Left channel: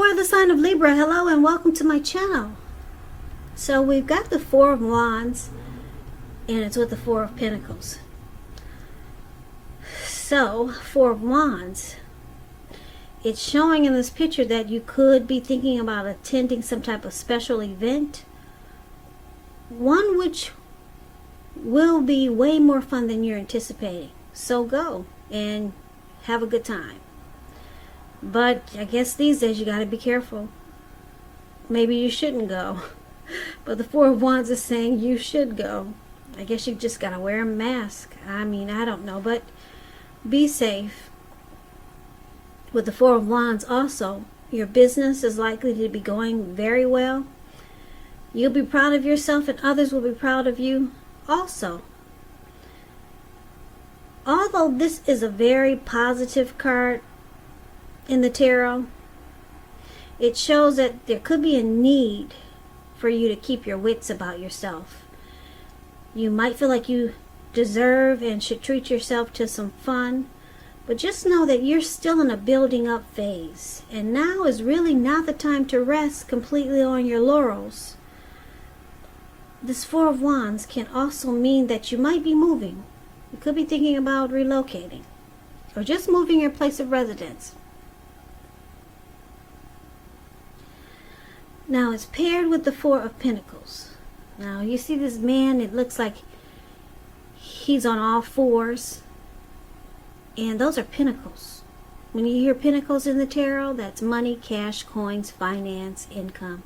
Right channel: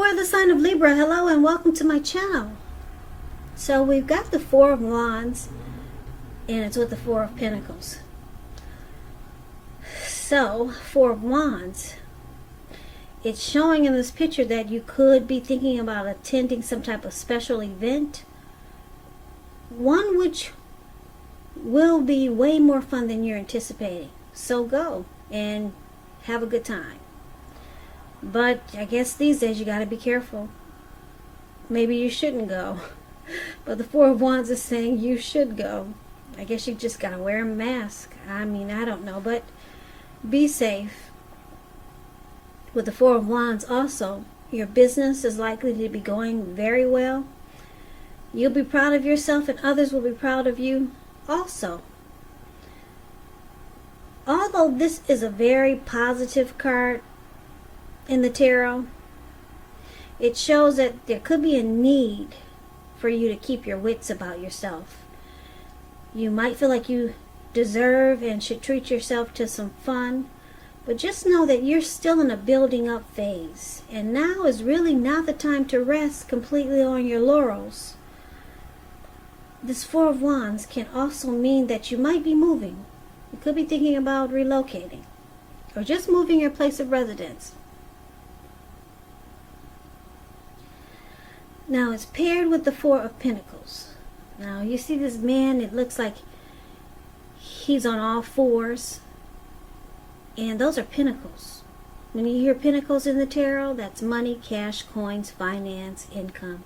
For the sign of Libra, hello and welcome to my channel. So we've got the Four of Wands and it's with the Four of Pentacles. So, Four of Wands, it's showing in this picture that you could be thinking about attending some type of special event. One which will be way more fun than you're anticipating. So go and have a good time. But I guess these days you got to be careful. Maybe you shouldn't go. But the Four of Wands is saying you should go. I guess you just got to wear a mask. I mean, I don't know. But be safe. With the Four of Wands also, your business is likely to be going very well. You'll be proud of yourself and others will be proud of you also. Although this is a very positive card in the tarot, it shows that there could be a need for you to keep your wits about yourself. You might feel like you deserve and should treat yourself to some fun, but just know that you're still in a building up phase, and now is really not the time to rest completely on your laurels. This Four of Wands can also mean that you might be moving. You could be thinking about relocating or just moving your place of residence. Now it's paired with the Four of Pentacles. Now you see this man, it looks like he's on all fours. And those are pentacles. When you hear pentacles in the tarot, that's money, cash, coins, finance, income.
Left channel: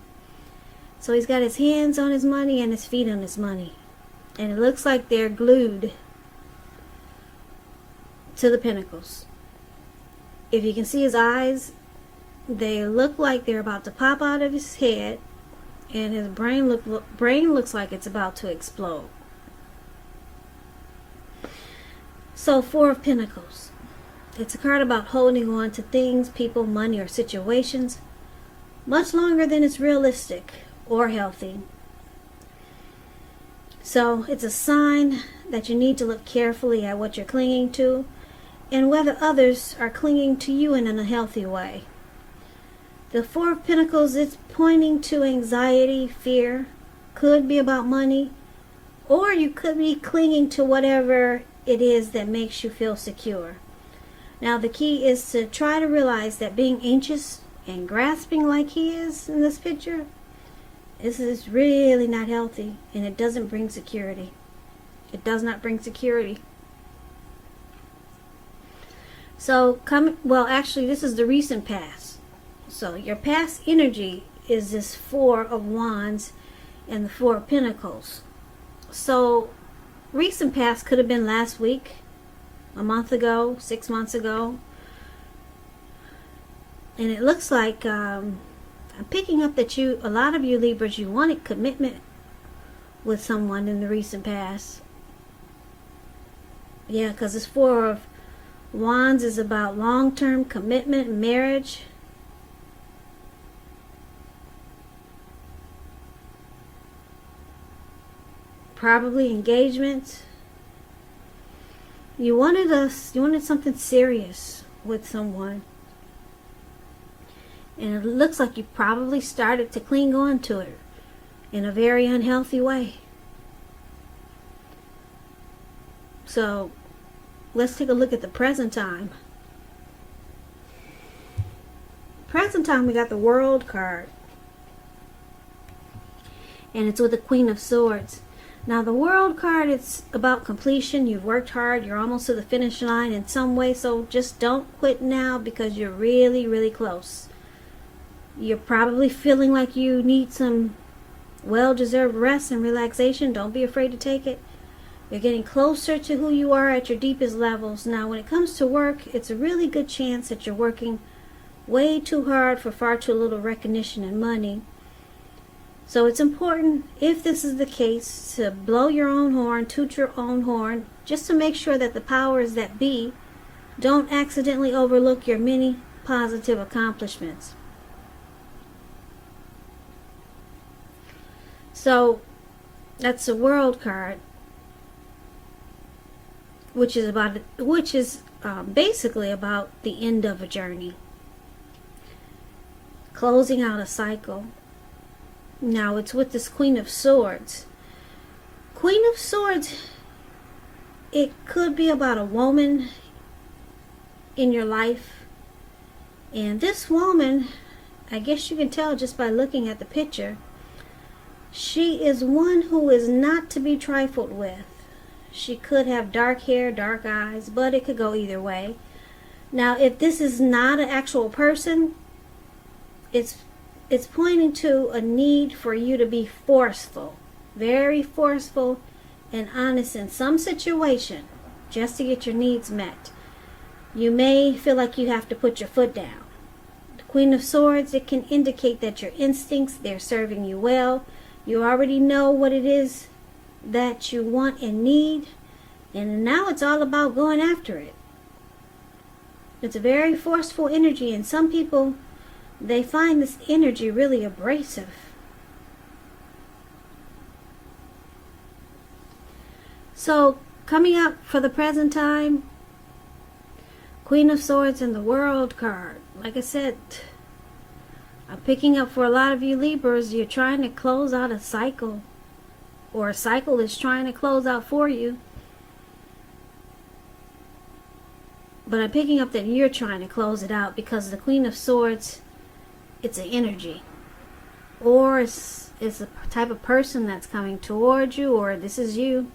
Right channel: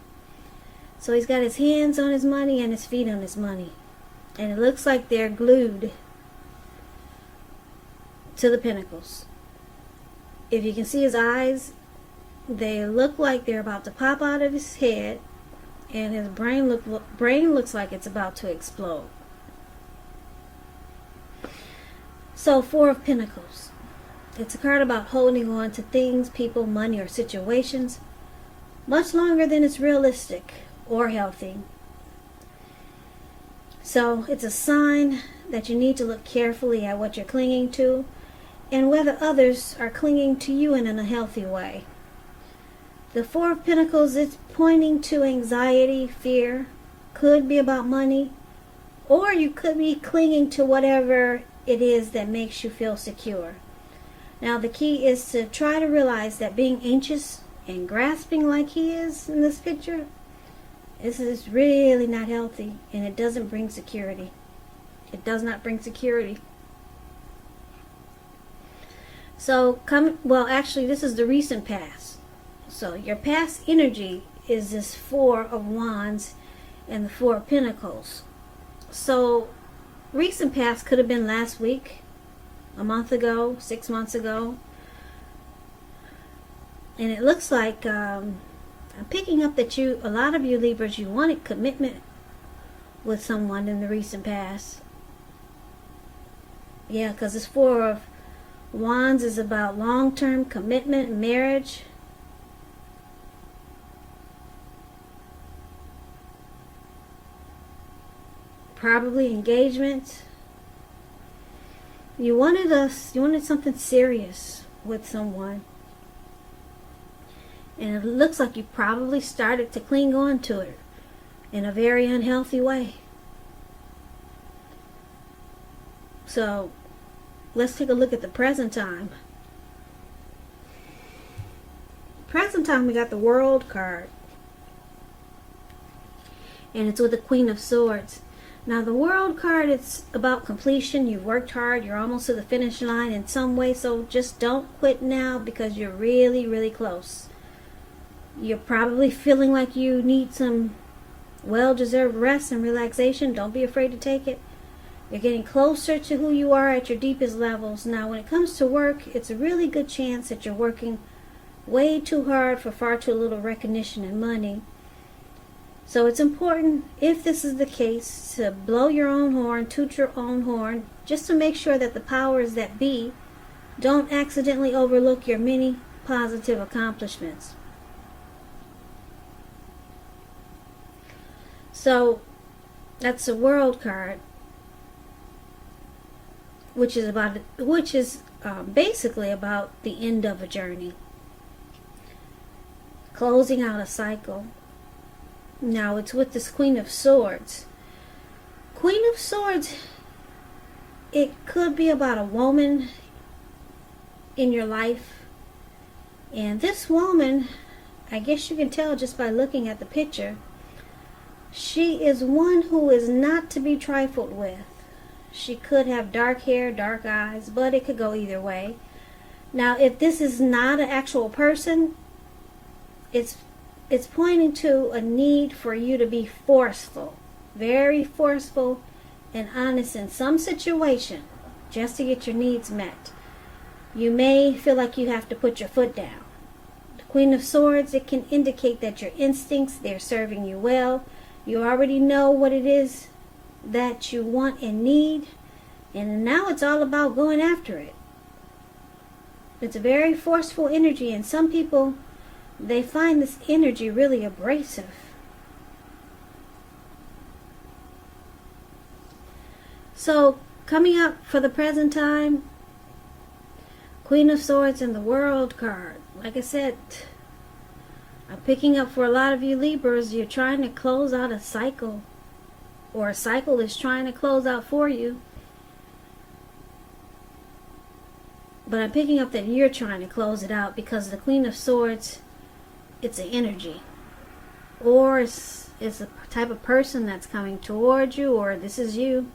So he's got his hands on his money and his feet on his money. And it looks like they're glued to the pentacles. If you can see his eyes, they look like they're about to pop out of his head, and his brain looks like it's about to explode. So, Four of Pentacles. It's a card about holding on to things, people, money, or situations much longer than it's realistic or healthy. So, it's a sign that you need to look carefully at what you're clinging to and whether others are clinging to you in a healthy way. The Four of Pentacles, it's pointing to anxiety, fear, could be about money, or you could be clinging to whatever it is that makes you feel secure. Now the key is to try to realize that being anxious and grasping like he is in this picture, this is really not healthy, and it doesn't bring security. It does not bring security. So actually this is the recent past. So your past energy is this Four of Wands and the Four of Pentacles. So recent past could have been last week, a month ago, 6 months ago. And it looks like I'm picking up that a lot of you Libras, you wanted commitment with someone in the recent past. Yeah, because this Four of Wands is about long-term commitment, marriage. Probably engagement. You wanted something serious with someone. And it looks like you probably started to cling on to it in a very unhealthy way. So, let's take a look at the present time. Present time, we got the World card. And it's with the Queen of Swords. Now the World card, it's about completion. You've worked hard. You're almost to the finish line in some way. So just don't quit now because you're really, really close. You're probably feeling like you need some well-deserved rest and relaxation. Don't be afraid to take it. You're getting closer to who you are at your deepest levels. Now when it comes to work, it's a really good chance that you're working way too hard for far too little recognition and money. So it's important, if this is the case, to blow your own horn, toot your own horn, just to make sure that the powers that be don't accidentally overlook your many positive accomplishments. So that's the World card, which is basically about the end of a journey. closing out a cycle. Now it's with this Queen of Swords. Queen of Swords, it could be about a woman in your life. And this woman, I guess you can tell just by looking at the picture, she is one who is not to be trifled with. She could have dark hair, dark eyes, but it could go either way. Now, if this is not an actual person, it's pointing to a need for you to be forceful, very forceful and honest in some situation just to get your needs met. You may feel like you have to put your foot down. The Queen of Swords, it can indicate that your instincts, they're serving you well. You already know what it is that you want and need, and now it's all about going after it. It's a very forceful energy, and some people, they find this energy really abrasive. So, coming up for the present time, Queen of Swords and the World card. Like I said, I'm picking up for a lot of you Libras, you're trying to close out a cycle, or a cycle is trying to close out for you. But I'm picking up that you're trying to close it out because the Queen of Swords, it's an energy. Or it's a type of person that's coming towards you, or this is you.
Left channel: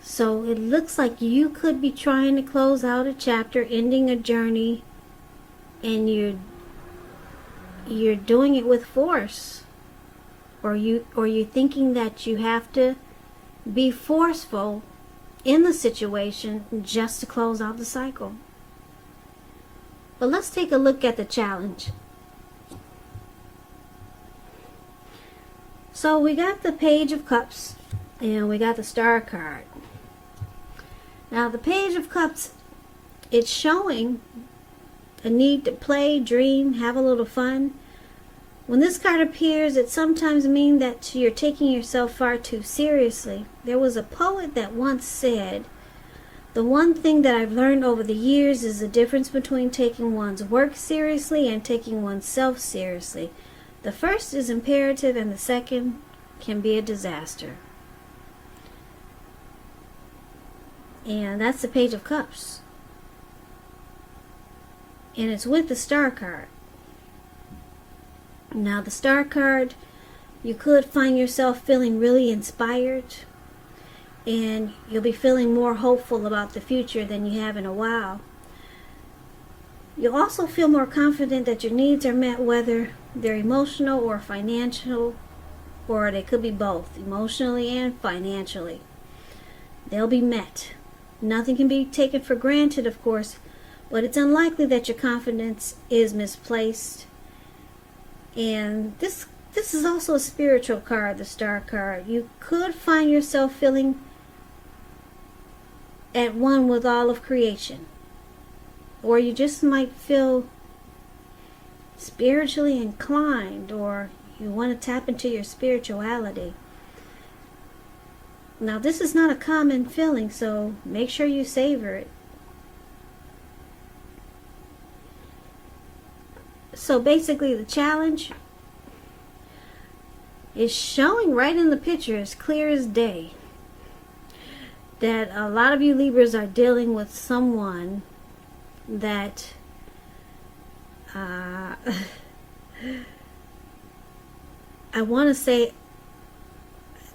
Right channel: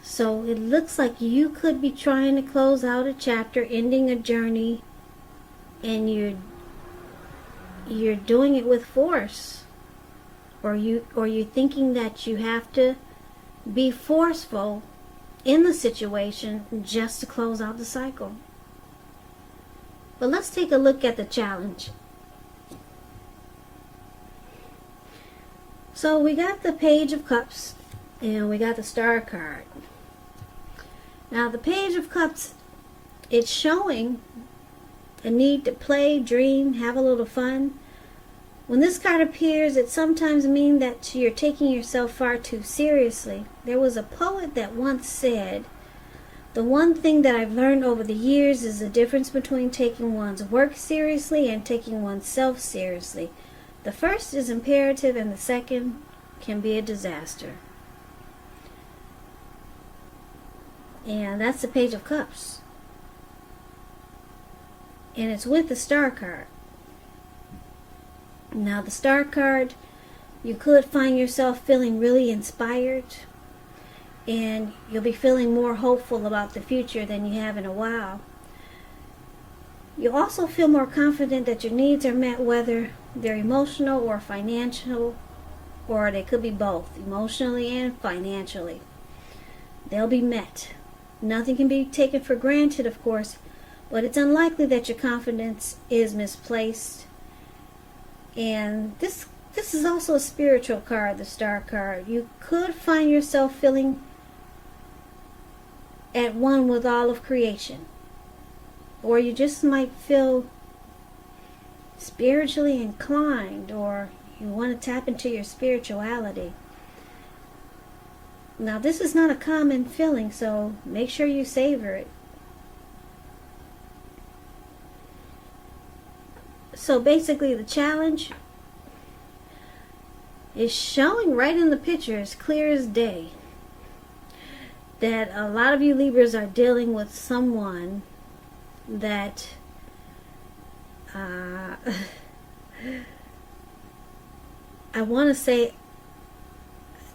So it looks like you could be trying to close out a chapter, ending a journey, and you're doing it with force. Or you're thinking that you have to be forceful in the situation just to close out the cycle. But let's take a look at the challenge. So we got the Page of Cups and we got the Star card. Now the Page of Cups, it's showing a need to play, dream, have a little fun. When this card appears, it sometimes means that you're taking yourself far too seriously. There was a poet that once said, "The one thing that I've learned over the years is the difference between taking one's work seriously and taking oneself seriously. The first is imperative and the second can be a disaster." And that's the Page of Cups. And it's with the Star card. Now the Star card, you could find yourself feeling really inspired, and you'll be feeling more hopeful about the future than you have in a while. You'll also feel more confident that your needs are met, whether they're emotional or financial, or they could be both, emotionally and financially. They'll be met. Nothing can be taken for granted, of course, but it's unlikely that your confidence is misplaced. And this is also a spiritual card, the Star card. You could find yourself feeling at one with all of creation. Or you just might feel spiritually inclined, or you want to tap into your spirituality. Now this is not a common feeling, so make sure you savor it. So basically the challenge is showing right in the picture, as clear as day, that a lot of you Libras are dealing with someone that I want to say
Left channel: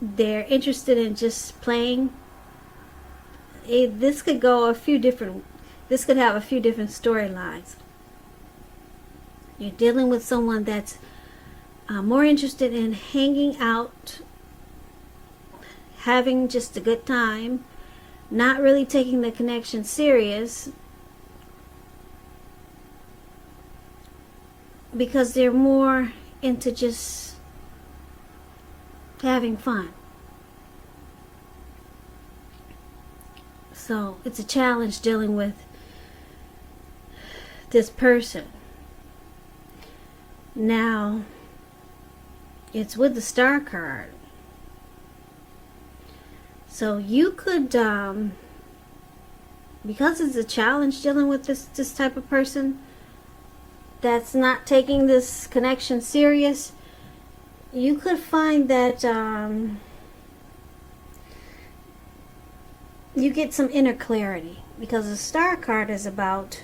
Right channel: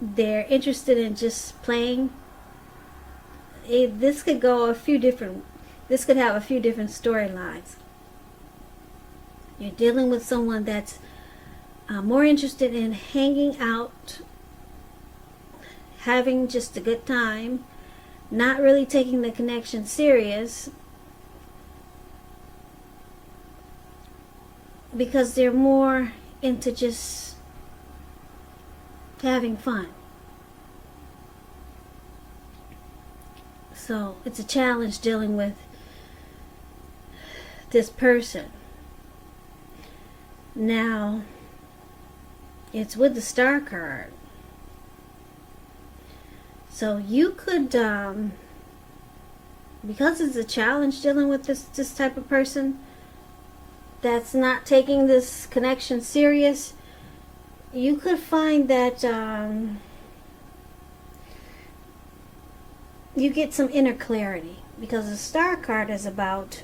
they're interested in just playing. This could have a few different storylines. You're dealing with someone that's more interested in hanging out, having just a good time, not really taking the connection serious, because they're more into just having fun. So it's a challenge dealing with this person. Now, it's with the Star card. So you could, because it's a challenge dealing with this type of person, that's not taking this connection serious, you could find that you get some inner clarity, because the Star card is about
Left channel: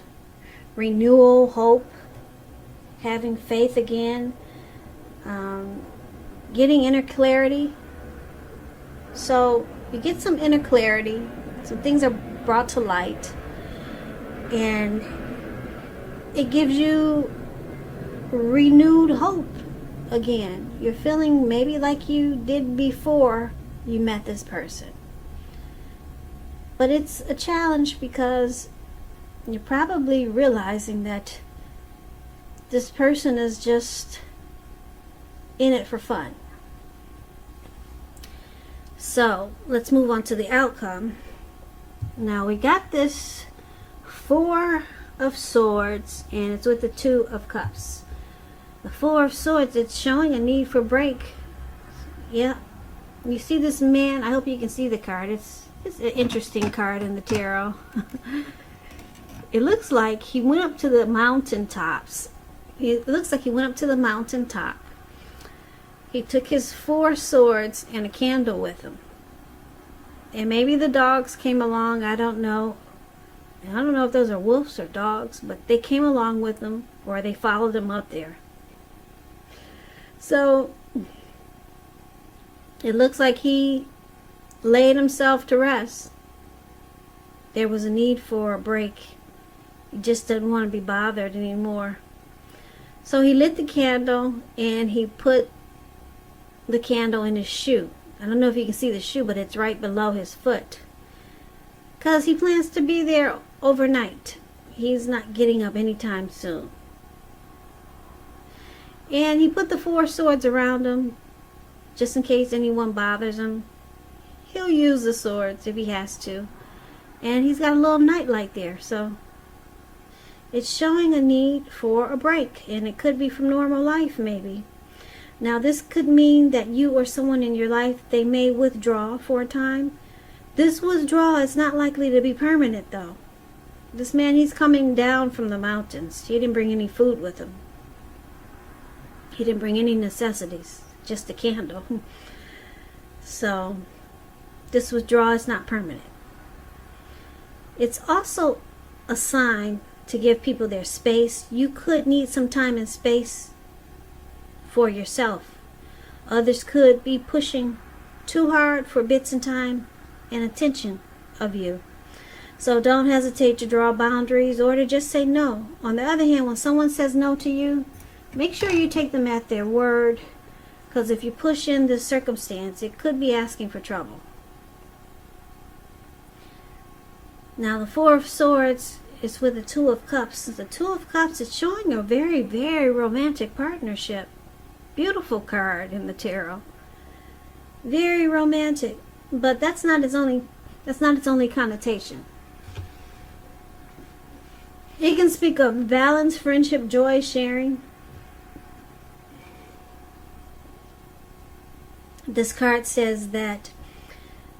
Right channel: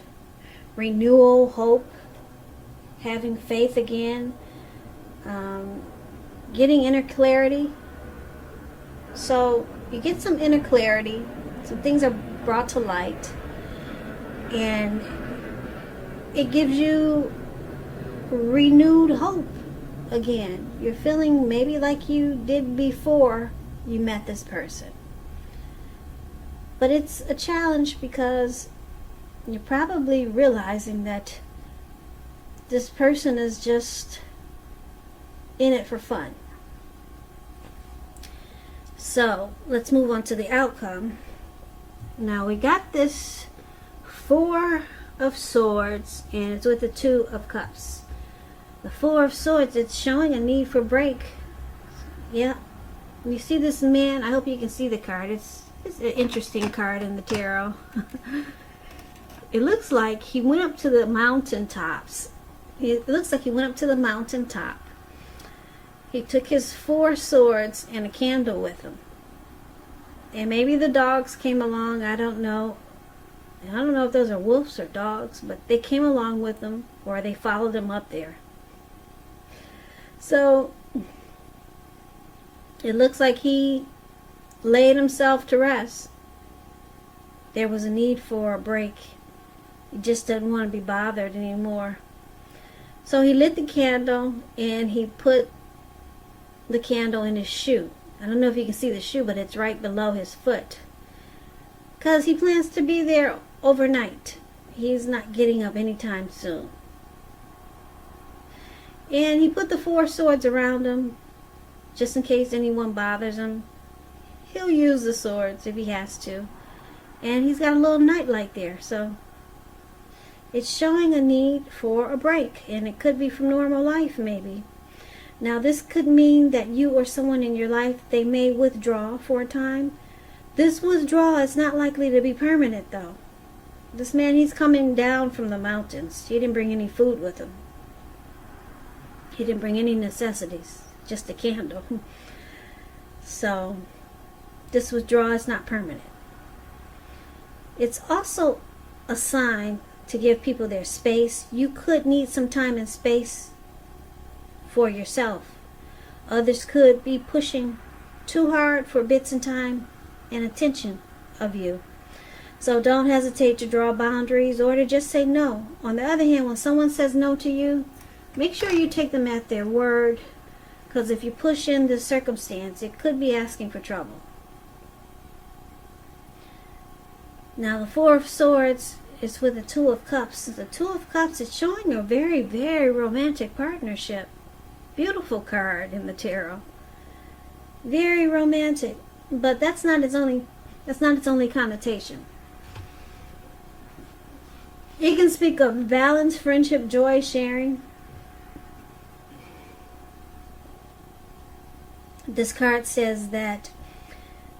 renewal, hope, having faith again, getting inner clarity. So you get some inner clarity, some things are brought to light, and it gives you renewed hope again. You're feeling maybe like you did before you met this person. But it's a challenge because you're probably realizing that this person is just in it for fun. So let's move on to the outcome. Now we got this Four of Swords, and it's with the Two of Cups. The Four of Swords, it's showing a need for break. Yeah, you see this man. I hope you can see the card. It's an interesting card in the tarot. It looks like he went up to the mountaintops. It looks like he went up to the mountaintop. He took his Four Swords and a candle with him. And maybe the dogs came along. I don't know. I don't know if those are wolves or dogs, but they came along with him, or they followed him up there. So it looks like he laid himself to rest. There was a need for a break. He just didn't want to be bothered anymore. So he lit the candle and he put the candle in his shoe. I don't know if you can see the shoe, but it's right below his foot, because he plans to be there overnight. He's not getting up anytime soon. And he put the Four Swords around him, just in case anyone bothers him. He'll use the swords if he has to. And he's got a little nightlight there, so it's showing a need for a break, and it could be from normal life maybe. Now this could mean that you or someone in your life, they may withdraw for a time. This withdrawal is not likely to be permanent though. This man, he's coming down from the mountains. He didn't bring any food with him. He didn't bring any necessities, just a candle. So this withdrawal is not permanent. It's also a sign to give people their space. You could need some time and space for yourself. Others could be pushing too hard for bits and time and attention of you. So don't hesitate to draw boundaries or to just say no. On the other hand, when someone says no to you, make sure you take them at their word, because if you push in this circumstance, it could be asking for trouble. Now the Four of Swords is with the Two of Cups. The Two of Cups is showing a very, very romantic partnership. Beautiful card in the tarot. Very romantic, but that's not its only connotation. You can speak of balance, friendship, joy, sharing. This card says that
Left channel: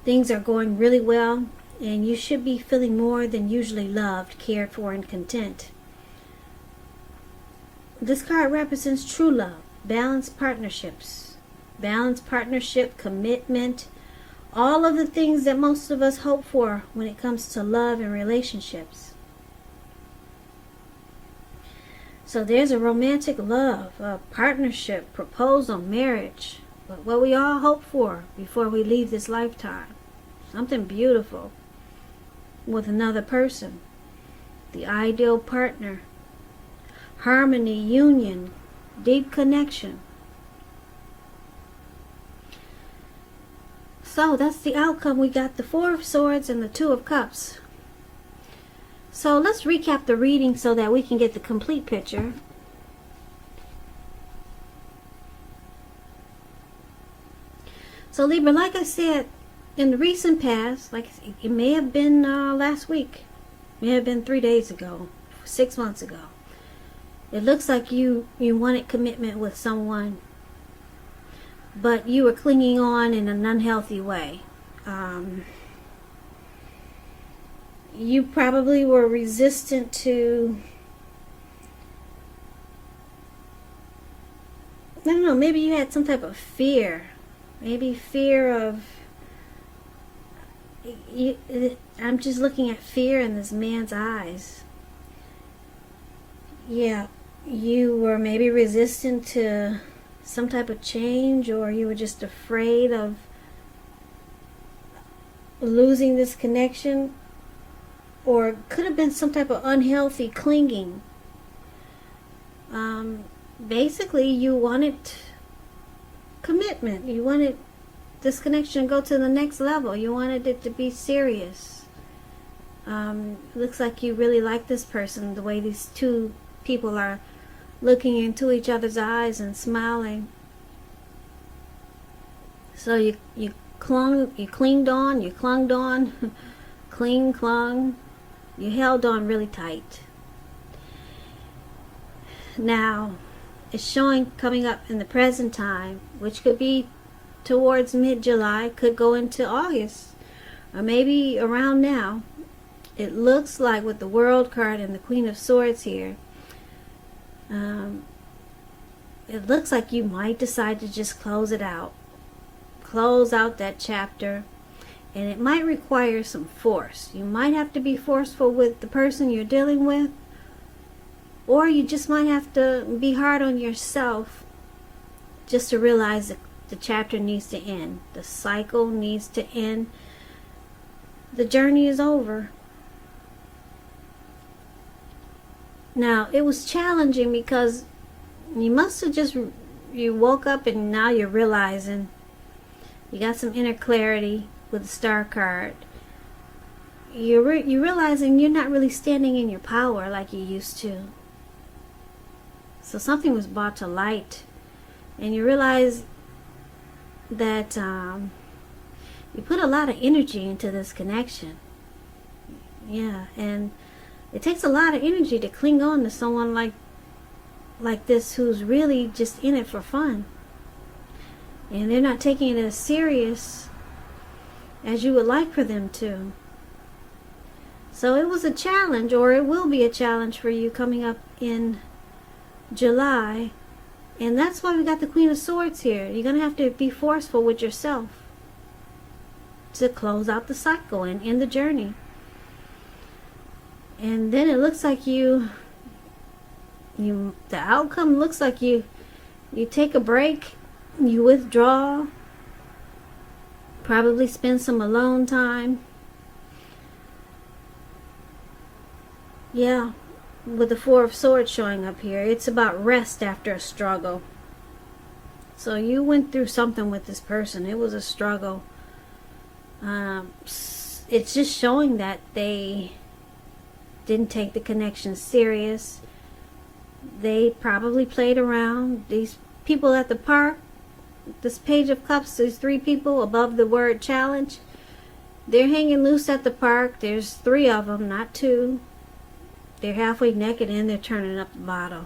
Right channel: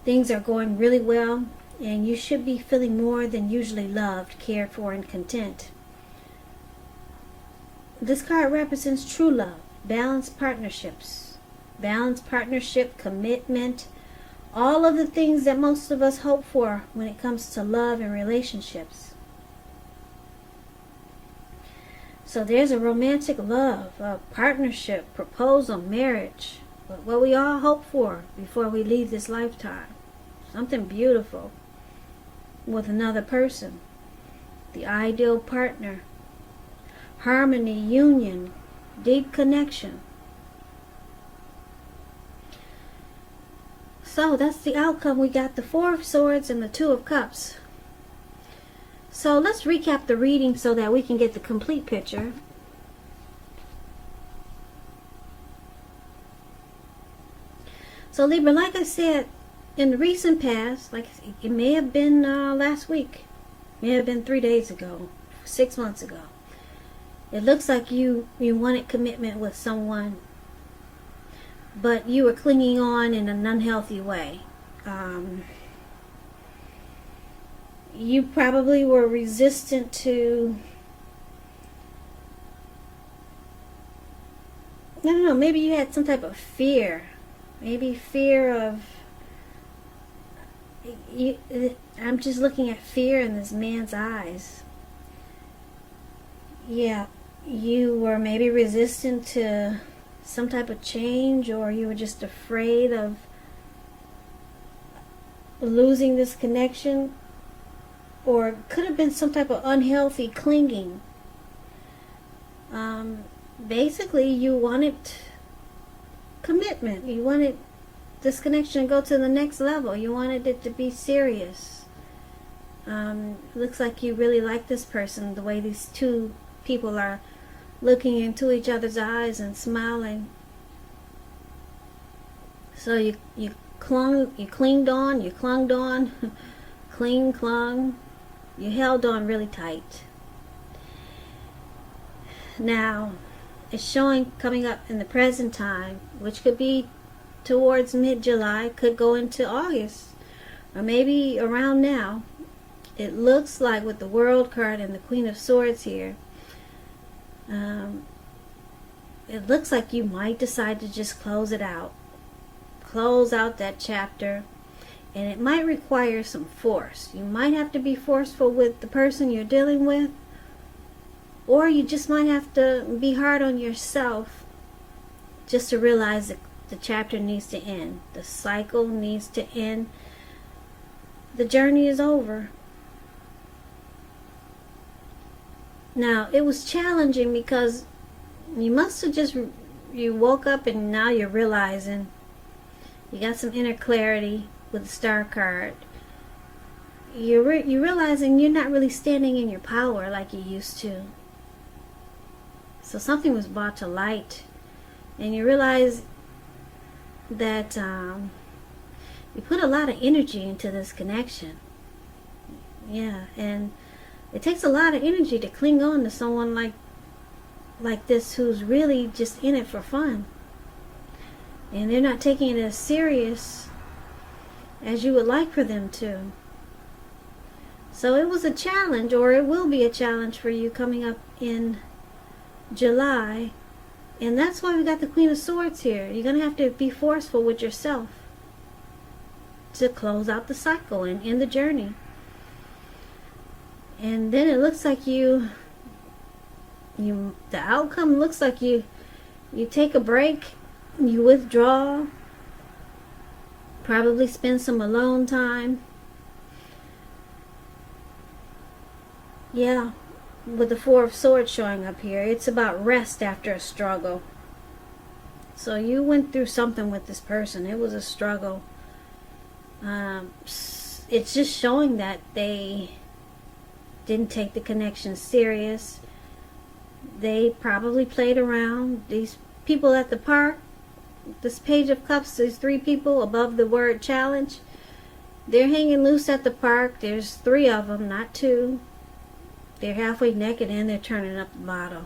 things are going really well, and you should be feeling more than usually loved, cared for, and content. This card represents true love, balanced partnerships, balanced partnership, commitment, all of the things that most of us hope for when it comes to love and relationships. So there's a romantic love, a partnership, proposal, marriage, what we all hope for before we leave this lifetime. Something beautiful with another person, the ideal partner, harmony, union, deep connection. So that's the outcome. We got the Four of Swords and the Two of Cups. So let's recap the reading so that we can get the complete picture. So Libra, like I said, in the recent past, like it may have been last week, it may have been 3 days ago, 6 months ago. It looks like you wanted commitment with someone, but you were clinging on in an unhealthy way. You probably were resistant to don't know, maybe you had some type of fear. Maybe fear of, I'm just looking at fear in this man's eyes. Yeah, you were maybe resistant to some type of change, or you were just afraid of losing this connection, or it could have been some type of unhealthy clinging. Basically, you wanted commitment. You wanted this connection to go to the next level. You wanted it to be serious. Looks like you really like this person, the way these two people are looking into each other's eyes and smiling. So you clung on, clung, you held on really tight. Now, it's showing coming up in the present time, which could be towards mid-July, could go into August, or maybe around now. It looks like with the World card and the Queen of Swords here, it looks like you might decide to just close it out. Close out that chapter. And it might require some force. You might have to be forceful with the person you're dealing with. Or you just might have to be hard on yourself just to realize that the chapter needs to end. The cycle needs to end. The journey is over. Now, it was challenging because you must have just, you woke up and now you're realizing you got some inner clarity with the Star card. You're realizing you're not really standing in your power like you used to. So something was brought to light, and you realize that you put a lot of energy into this connection. Yeah, and it takes a lot of energy to cling on to someone like this who's really just in it for fun. And they're not taking it as serious as you would like for them to. So it was a challenge, or it will be a challenge for you coming up in July. And that's why we got the Queen of Swords here. You're going to have to be forceful with yourself to close out the cycle and end the journey. And then it looks like the outcome looks like you take a break, you withdraw, probably spend some alone time. Yeah, with the Four of Swords showing up here, it's about rest after a struggle. So you went through something with this person. It was a struggle. It's just showing that they didn't take the connection serious. They probably played around. These people at the park, this Page of Cups, there's 3 people above the word challenge. They're hanging loose at the park. There's 3 of them, not 2. They're halfway naked and they're turning up the bottle.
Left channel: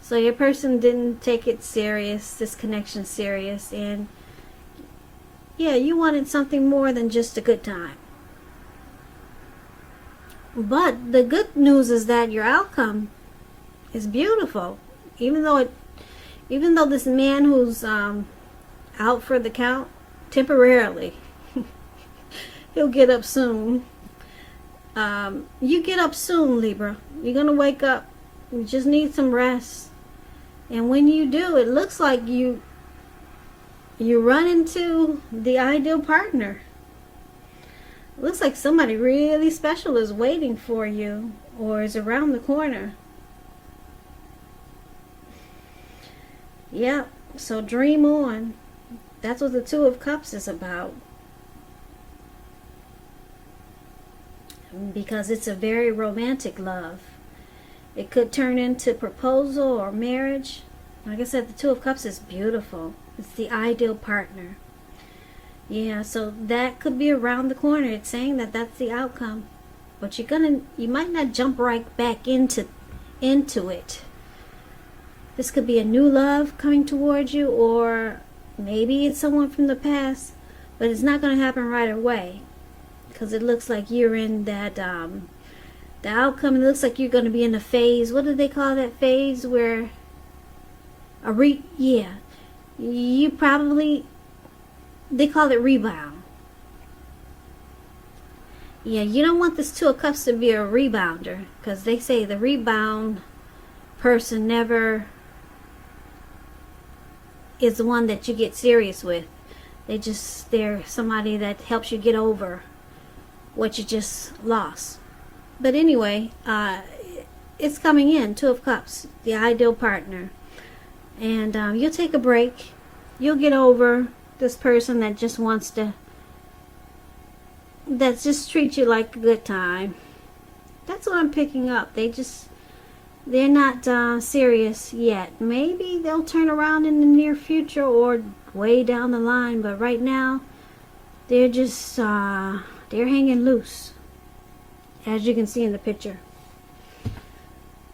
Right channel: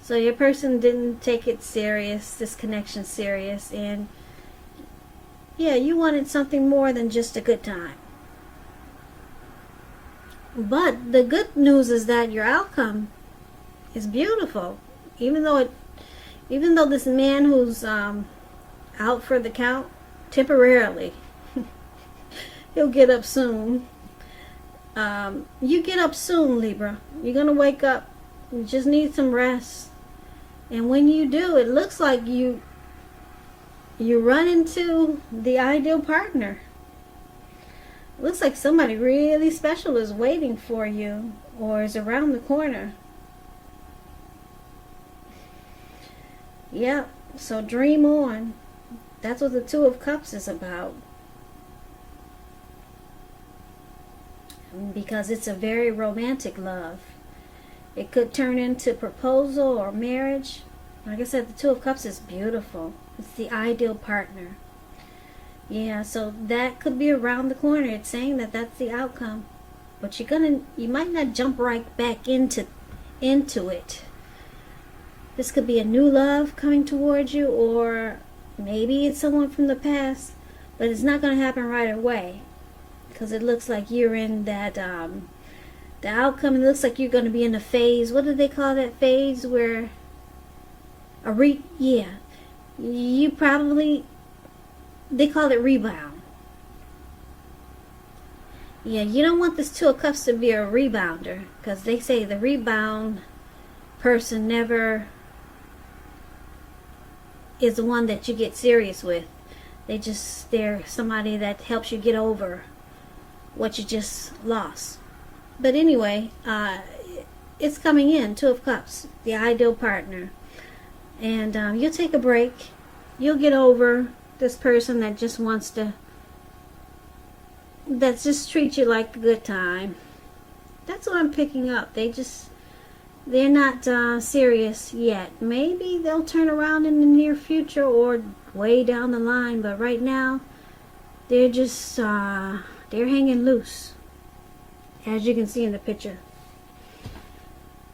So your person didn't take it serious, this connection serious, and yeah, you wanted something more than just a good time. But the good news is that your outcome is beautiful. Even though this man who's out for the count temporarily, he'll get up soon. You get up soon, Libra. You're gonna wake up. You just need some rest. And when you do, it looks like you run into the ideal partner. It looks like somebody really special is waiting for you or is around the corner. Yep, so dream on. That's what the Two of Cups is about. Because it's a very romantic love. It could turn into proposal or marriage. Like I said, the Two of Cups is beautiful. It's the ideal partner. Yeah, so that could be around the corner. It's saying that that's the outcome. But you might not jump right back into it. This could be a new love coming towards you, or maybe it's someone from the past, but it's not going to happen right away. Because it looks like you're in that, the outcome, it looks like you're going to be in a phase, what do they call that phase, where Yeah. You probably, they call it rebound. Yeah, you don't want this Two of Cups to be a rebounder, because they say the rebound person never is the one that you get serious with. They're somebody that helps you get over what you just lost. But anyway, it's coming in, Two of Cups, the ideal partner. And you'll take a break. You'll get over this person that just treats you like a good time. That's what I'm picking up. They're not serious yet. Maybe they'll turn around in the near future or way down the line. But right now, they're hanging loose, as you can see in the picture.